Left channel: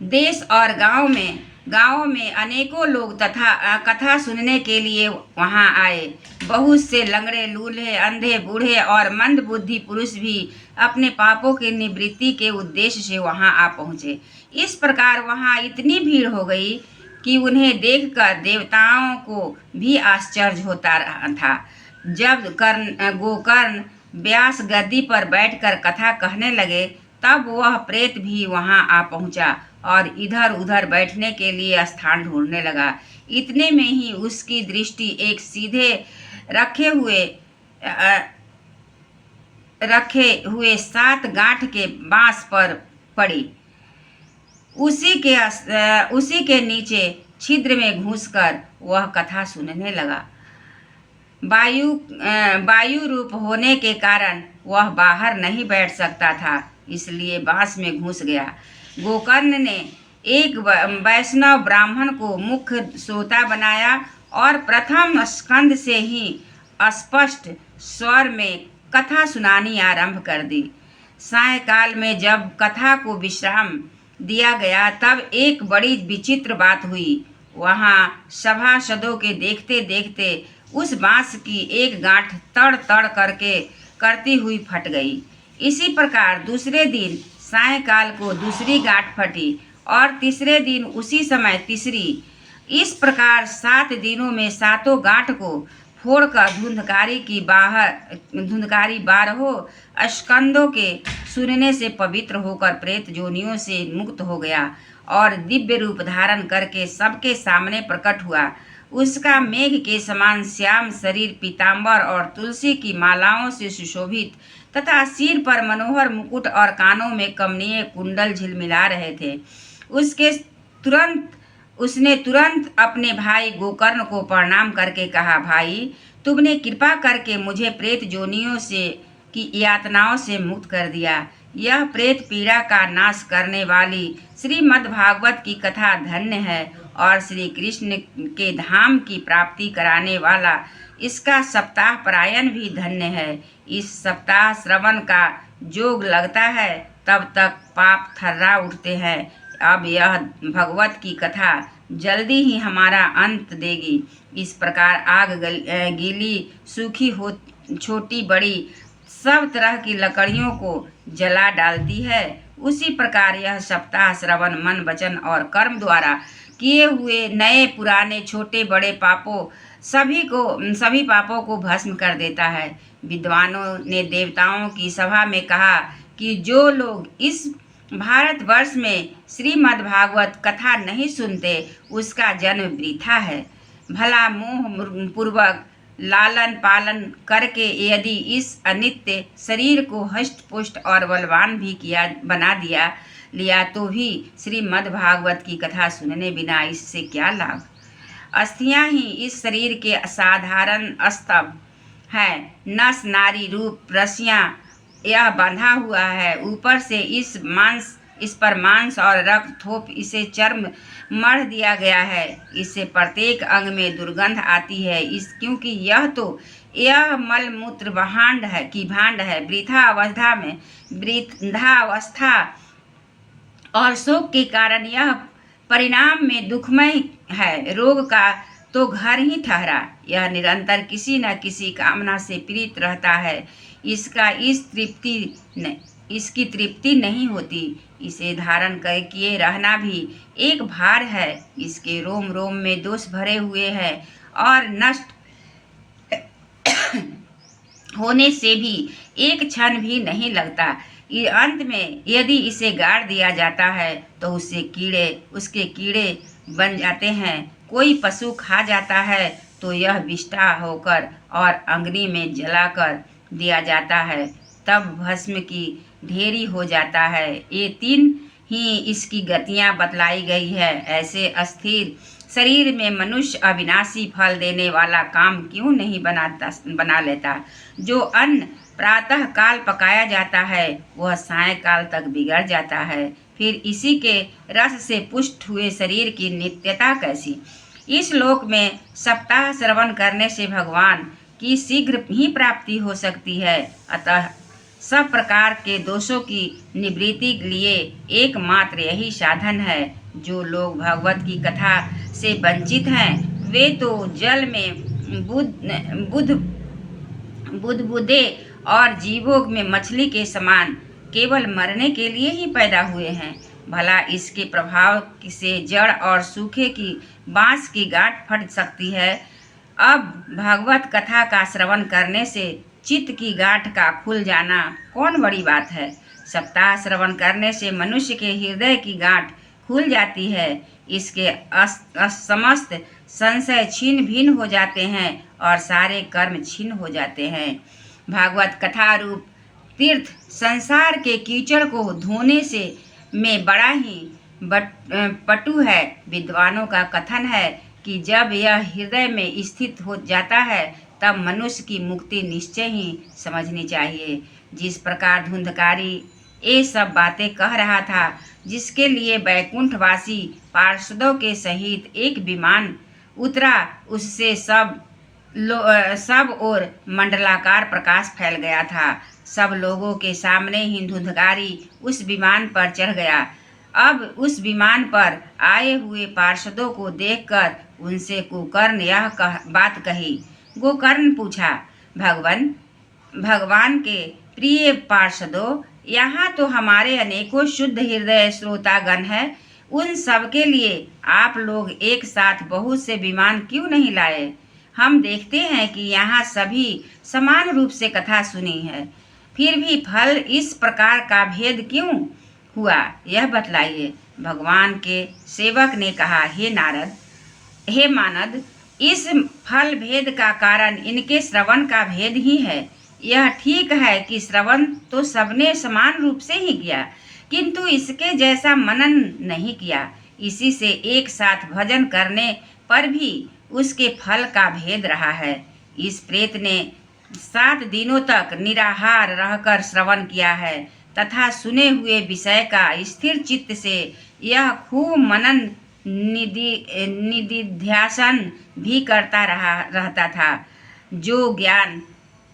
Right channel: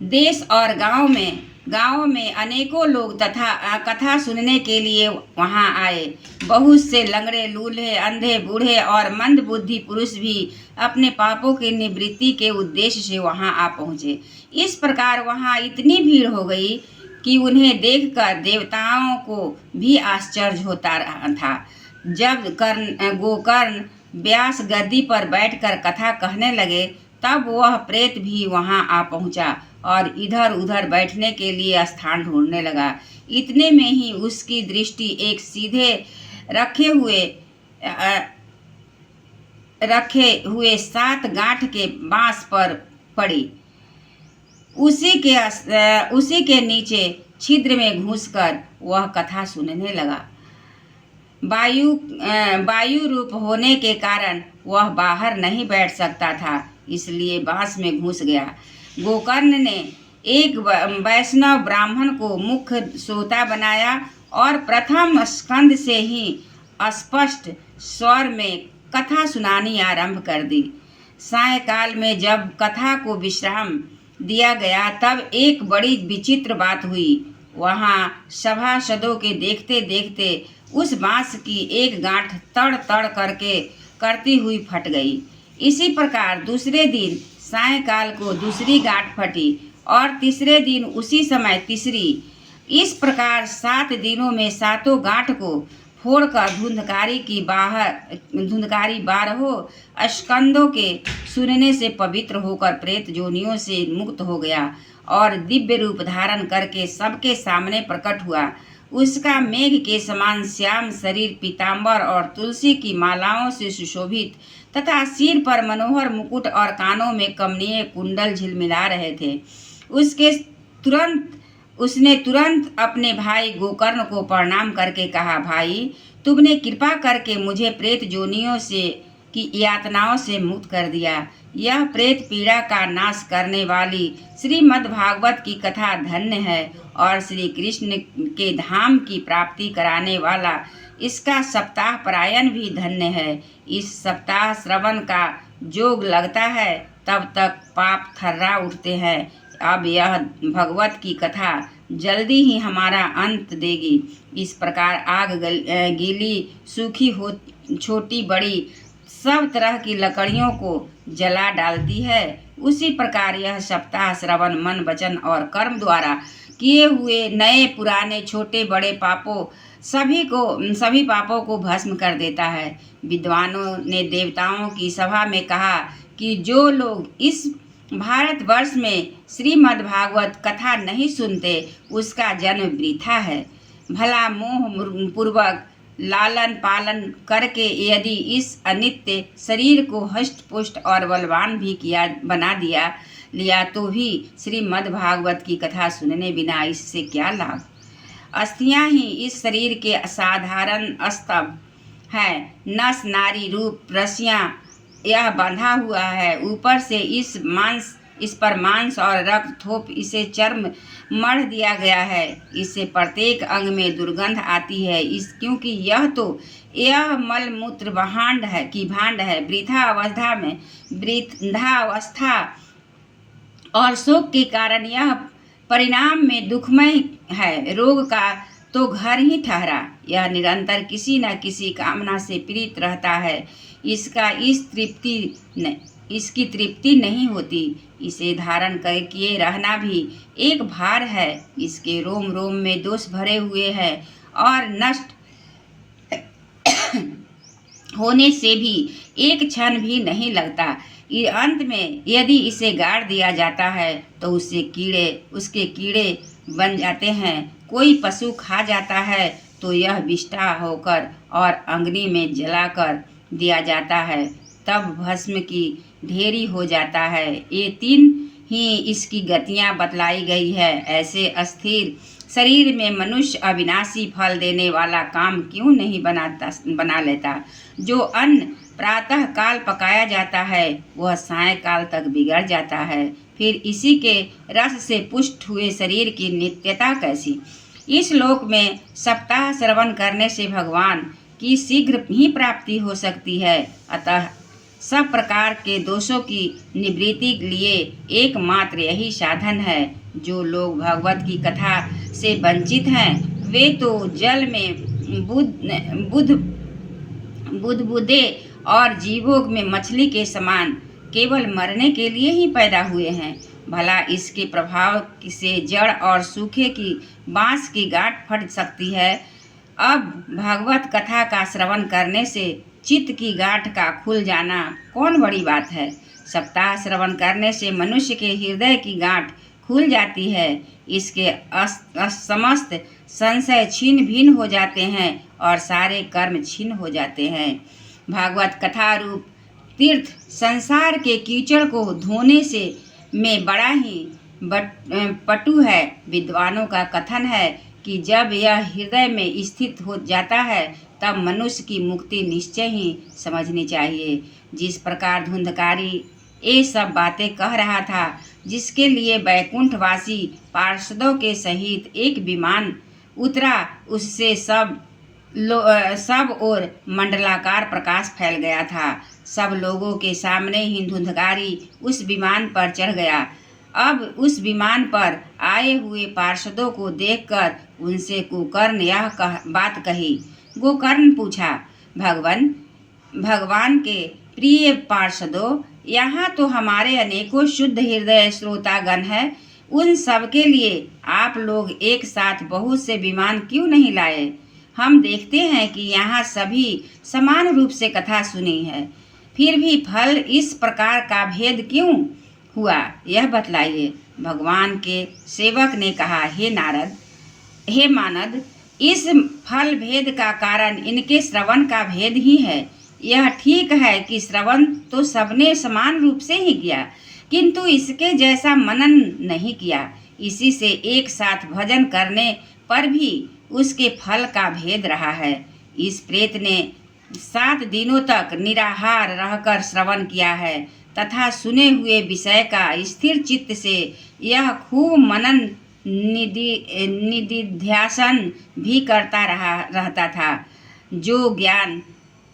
देश और गांव में अनेकों लोग तथा कथा सुनने के लिए वहां आए। बहुत से लंगड़े, लूल्हे, अंधे, बूढ़े और मंदबुद्धि पुरुष भी अपने पापों की निवृत्ति के उद्देश्य से वहां आ पहुंचे। इस प्रकार वहां इतनी भीड़ हो गई कि उन्हें देखकर देवताओं को भी आश्चर्य होता रहा था। जब गोकर्ण व्यास गद्दी पर बैठकर कथा कहने लगे, तब वह प्रेत भी वहां आ पहुंचा और इधर उधर बैठने के लिए स्थान ढूंढने लगा। इतने में ही उसकी दृष्टि एक सीधे रखे हुए अ, रखे हुए 7 गांठ के बांस पर पड़ी। उसी के नीचे छिद्र में घुसकर वह कथा सुनने लगा। वायु रूप होने के कारण वह बाहर नहीं बैठ सकता था, इसलिए बांस में घुस गया। गोकर्ण ने एक वैष्णव ब्राह्मण को मुख्य श्रोता बनाया और प्रथम स्कंद से ही स्पष्ट स्वर में कथा सुनानी आरंभ कर दी। सायंकाल में जब कथा को विश्राम दिया गया, तब एक बड़ी विचित्र बात हुई। वहां सभासदों के देखते देखते उस बांस की एक गांठ तड़ तड़ करती हुई फट गई। इसी प्रकार दूसरे दिन सायंकाल को दूसरी गांठ फटी और तीसरे दिन उसी समय तीसरी। इस प्रकार 7 दिनों में 7 गांठ को फोड़कर धुंधकारी 12 स्कंदों के सुनने से पवित्र होकर प्रेत जोनियों से मुक्त हो गया और दिव्य रूप धारण करके सबके सामने प्रकट हुआ। उसका मेघ के समान श्याम शरीर पीताम्बर और तुलसी की मालाओं से सुशोभित तथा सिर पर मनोहर मुकुट और कानों में कमनीय कुंडल झिलमिला रहे थे। उसने तुरंत अपने भाई गोकर्ण को प्रणाम करके कहा, भाई, तुमने कृपा करके मुझे प्रेत जोनियों से की यातनाओं से मुक्त कर दिया। यह प्रेत पीड़ा का नाश करने वाली श्रीमद् भागवत की कथा धन्य है और श्री कृष्ण के धाम की प्राप्ति कराने वाला इसका सप्ताह परायण भी धन्य है। इस सप्ताह श्रवण का जोग लगता है, तब तक पाप थर्रा उठते हैं। अब यह भगवत की कथा जल्दी ही हमारा अंत देगी। इस प्रकार आग गीली सूखी हो छोटी बड़ी सब तरह की लकड़ियों को जला डालती है, उसी प्रकार यह सप्ताह श्रवण मन वचन और कर्म द्वारा किए हुए नए पुराने छोटे बड़े सभी पापों को भस्म कर देता है। विद्वानों ने देवताओं की सभा में कहा कि जो लोग इस भारतवर्ष में श्रीमद् भागवत कथा नहीं सुनते, उसका जन्म वृथा है। भला मोह पूर्वक लालन पालन करके यदि इस अनित्य शरीर को हष्ट पुष्ट और बलवान भी बना लिया तो भी श्रीमद् भागवत की कथा सुनने बिना इससे क्या लाभ। अस्थियां ही इस शरीर के असाधारण स्तंभ है। नस नारी रूप रस्सियां यह बंधा हुआ है। ऊपर से इस पर मांस और रक्त थोप इसे चर्म मढ़ दिया गया है। इससे प्रत्येक अंग में दुर्गंध आती है। क्योंकि यह मल मूत्र भांड है। वृद्धावस्था और शोक के कारण यह परिणाम में दुखमय है। रोग का तो घर ही ठहरा, यह निरंतर किसी न किसी कामना से पीड़ित रहता है। इसकी तृप्ति नहीं होती। इसे धारण किए रहना भी एक भार है। इसके रोम रोम में दोष भरे हुए हैं और नष्ट होने से भी एक क्षण भी नहीं लगता। अंत में यदि इसे गाड़ दिया जाता है तो उसके कीड़े बन जाते हैं। कोई पशु खा जाता है तो यह विष्ठा होकर और अग्नि में जलाकर दिया जाता है, तब भस्म की ढेरी हो जाता है। ये 3 ही इसकी गतियां बतलाई गई है। ऐसे अस्थिर शरीर में मनुष्य अविनाशी फल देने वाला काम क्यों नहीं बना लेता। जो अन्न प्रातः काल पकाया जाता है वह सायंकाल तक बिगड़ जाता है, फिर इसी के रस से पुष्ट हुए शरीर की नित्यता कैसी। इस लोक में सप्ताह श्रवण करने से भगवान की शीघ्र ही प्राप्ति हो सकती है। अतः सब प्रकार के दोषों की निवृत्ति के लिए एकमात्र यही साधन है। जो लोग भगवत की कथा से वंचित हैं वे तो जल में बुदबुदे और जीवों में मछली के समान केवल मरने के लिए ही पैदा हुए हैं। भला इसके प्रभाव से जड़ और सूखे की बांस की गांठ फट सकती है। अब भगवत कथा का श्रवण करने से चित्त की गांठ का खुल जाना कौन बड़ी बात है। सप्ताह श्रवण करने से मनुष्य के हृदय की गांठ खुल जाती है। इसके समस्त संशय छिन्न भिन्न हो जाते हैं और सारे कर्म छिन्न हो जाते हैं। भागवत कथा रूप तीर्थ संसार के कीचड़ को धोने से में बड़ा ही पटु है। विद्वानों का कथन है कि जब यह हृदय में स्थित हो जाता है तब मनुष्य की मुक्ति निश्चय ही समझनी चाहिए। जिस प्रकार धुंधकारी ये सब बातें कह रहा था, जिसके लिए वैकुंठवासी पार्षदों के सहित एक विमान उतरा, उससे सब ओर मंडलाकार प्रकाश फैल गया था। सब लोगों के सामने ही धुंधकारी उस विमान पर चढ़ गया। अब उस विमान पर आए हुए पार्षदों को देखकर उनसे गोकर्ण यह बात कही। गोकर्ण पूछा, भगवान के प्रिय पार्षदों, यहाँ तो हमारे अनेकों शुद्ध हृदय श्रोतागण हैं। उन सब के लिए आप लोग एक साथ बहुत से विमान क्यों नहीं लाए? हम देखते हैं कि यहाँ सभी समान रूप से कथा सुनी है, फिर भी फल इस प्रकार का भेद क्यों हुआ, यह बतलाइए। भगवान के सेवक ने कहा, हे मानद, इस फल भेद का कारण इनके श्रवण का भेद ही है। यह ठीक है कि श्रवण तो सबने समान रूप से ही किया, किंतु इसके जैसा मनन नहीं किया। इसी से एक साथ भजन करने पर भी उसके फल का भेद रहा है। इस प्रेत ने 7 दिनों तक निराहार रहकर श्रवण किया है तथा सुने हुए विषय का स्थिर चित्त से यह खूब मनन निधिध्यासन भी करता रहता था। जो ज्ञान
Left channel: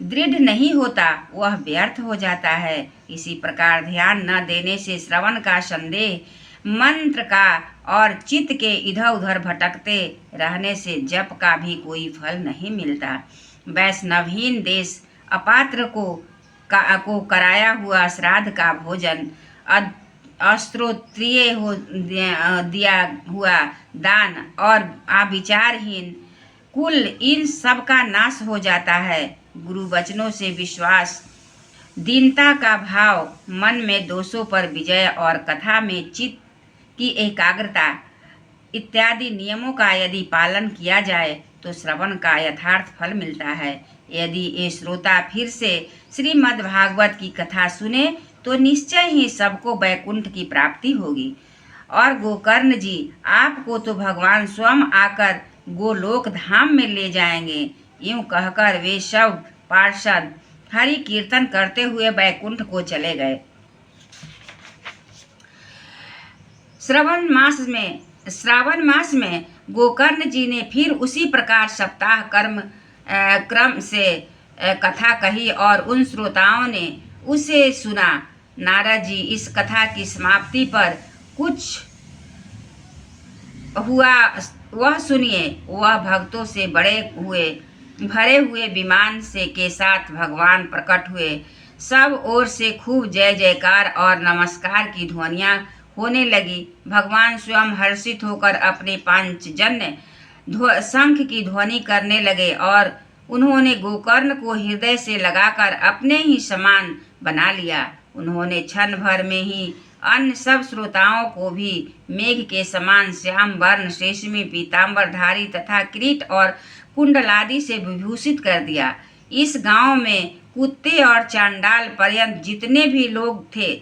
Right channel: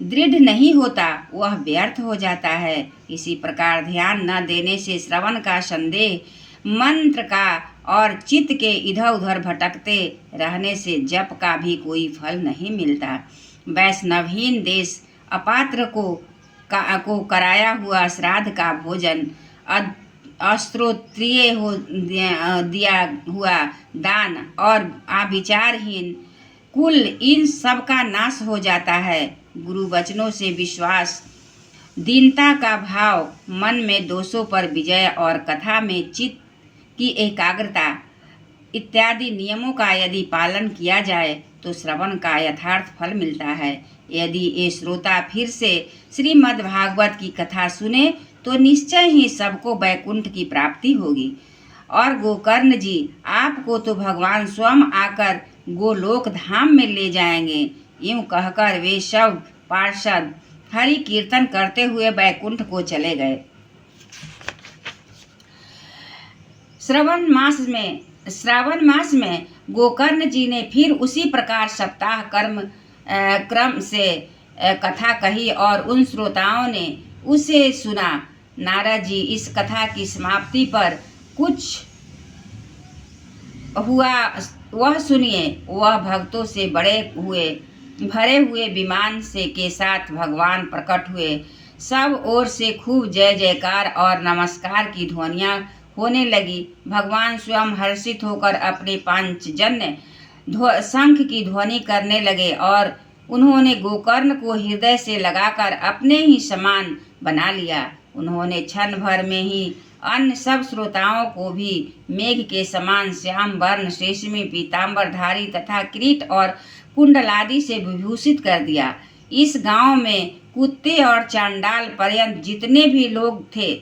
दृढ़ नहीं होता वह व्यर्थ हो जाता है। इसी प्रकार ध्यान न देने से श्रवण का संदेह मंत्र का और चित्त के इधर उधर भटकते रहने से जप का भी कोई फल नहीं मिलता। वैष्णवहीन देश अपात्र को कराया हुआ श्राद्ध का भोजन, अश्रोत्रिय हो दिया हुआ दान और आविचारहीन कुल, इन सब का नाश हो जाता है। गुरु वचनों से विश्वास, दीनता का भाव, मन में दोषों पर विजय और कथा में चित्त की एकाग्रता इत्यादि नियमों का यदि पालन किया जाए तो श्रवण का यथार्थ फल मिलता है। यदि ये श्रोता फिर से श्रीमद् भागवत की कथा सुने तो निश्चय ही सबको वैकुंठ की प्राप्ति होगी। और गोकर्ण जी, आपको तो भगवान स्वयं आकर गोलोक धाम में ले जाएंगे। यूं कहकर वे सब पार्षद हरि कीर्तन करते हुए वैकुंठ को चले गए। श्रावण मास में गोकर्ण जी ने फिर उसी प्रकार सप्ताह क्रम से कथा कही और उन श्रोताओं ने उसे सुना। नारद जी इस कथा की समाप्ति पर कुछ हुआ वह सुनिए। वह भक्तों से भरे हुए विमान से के साथ भगवान प्रकट हुए। सब ओर से खूब जय जयकार और नमस्कार की ध्वनियां होने लगी। भगवान स्वयं हर्षित होकर अपने पांचजन्य शंख की ध्वनि करने लगे और उन्होंने गोकर्ण को हृदय से लगाकर अपने ही समान बना लिया। उन्होंने क्षण भर में ही अन्य सब श्रोताओं को भी मेघ के समान श्याम वर्ण, शेषमी, पीताम्बरधारी तथा किरीट और कुंडलादि से विभूषित कर दिया। इस गांव में कुत्ते और चांडाल पर्यंत जितने भी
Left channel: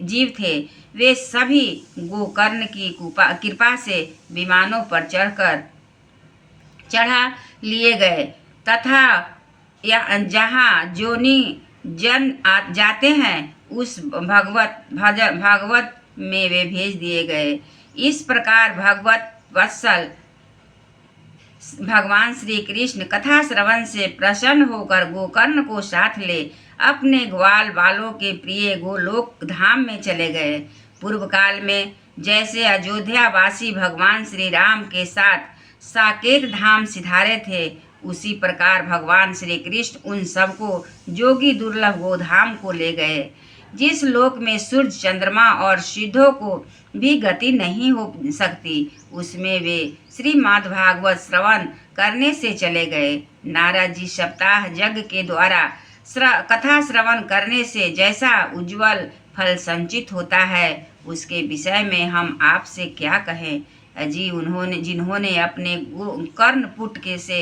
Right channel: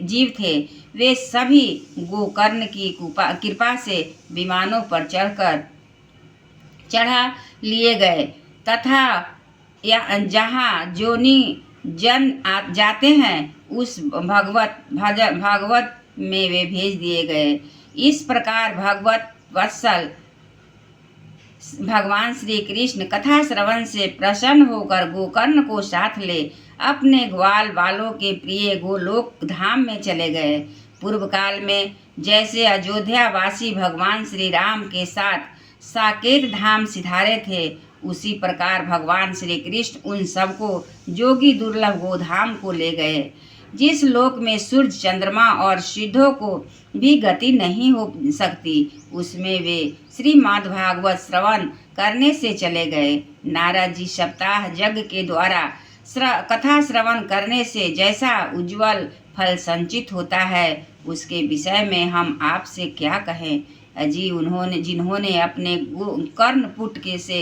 जीव थे, वे सभी गोकर्ण की कृपा से विमानों पर चढ़ा लिए गए तथा जहाँ जोनी जन जाते हैं उस भागवत में वे भेज दिए गए। इस प्रकार भगवत वत्सल भगवान श्री कृष्ण कथा श्रवण से प्रसन्न होकर गोकर्ण को साथ ले अपने ग्वाल बालों के प्रिय गोलोक धाम में चले गए। पूर्व काल में जैसे अयोध्या वासी भगवान श्री राम के साथ साकेत धाम सिधारे थे, उसी प्रकार भगवान श्री कृष्ण उन सबको जोगी दुर्लभ गोधाम को ले गए, जिस लोक में सूर्य चंद्रमा और सिद्धों को भी गति नहीं हो सकती, उसमें वे श्रीमद् भागवत श्रवण करने से चले गए। नारद जी सप्ताह यज्ञ के द्वारा कथा श्रवण करने से जैसा उज्जवल फल संचित होता है, उसके विषय में हम आपसे क्या कहें। अजी जिन्होंने अपने कर्णपुट के से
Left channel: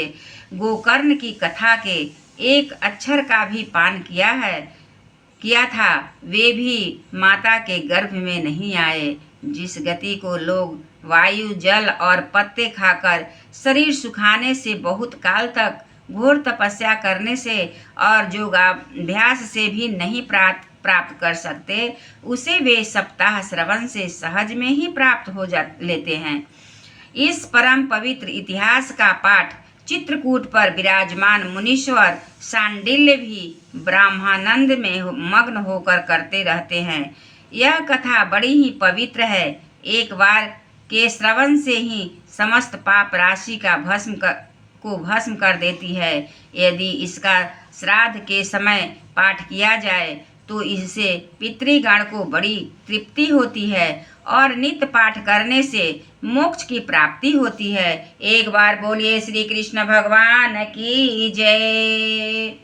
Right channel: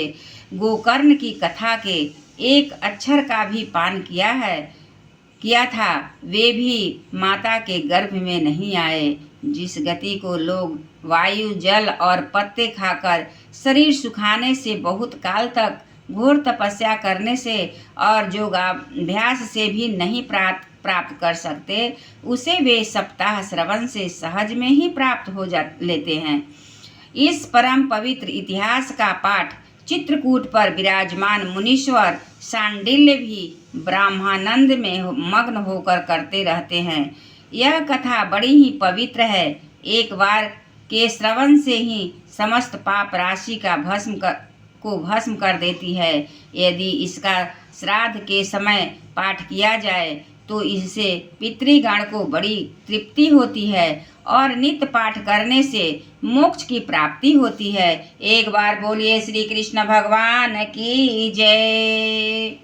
गोकर्ण की कथा के एक अक्षर का भी पान किया था, वे भी माता के गर्भ में नहीं आए। जिस गति को लोग वायु, जल और पत्ते खाकर शरीर सुखाने से बहुत काल तक घोर तपस्या करने से और योगाभ्यास से भी नहीं प्राप्त कर सकते, उसे वे सप्ताह श्रवण से सहज में ही प्राप्त हो लेते हैं। इस परम पवित्र इतिहास का पाठ चित्रकूट पर विराजमान मुनीश्वर सांडिल्य भी ब्रह्मानंद में मग्न होकर करते रहते हैं। यह कथा बड़ी ही पवित्र है। एक बार के श्रवण से ही समस्त पाप राशि का भस्म कर देती है। यदि इसका श्राद्ध के समय पाठ किया जाए तो इससे पितृगण को बड़ी तृप्ति होती है और नित्य पाठ करने से मोक्ष की प्राप्ति होती है। एक बार बोलिए श्री कृष्ण भगवान की जय।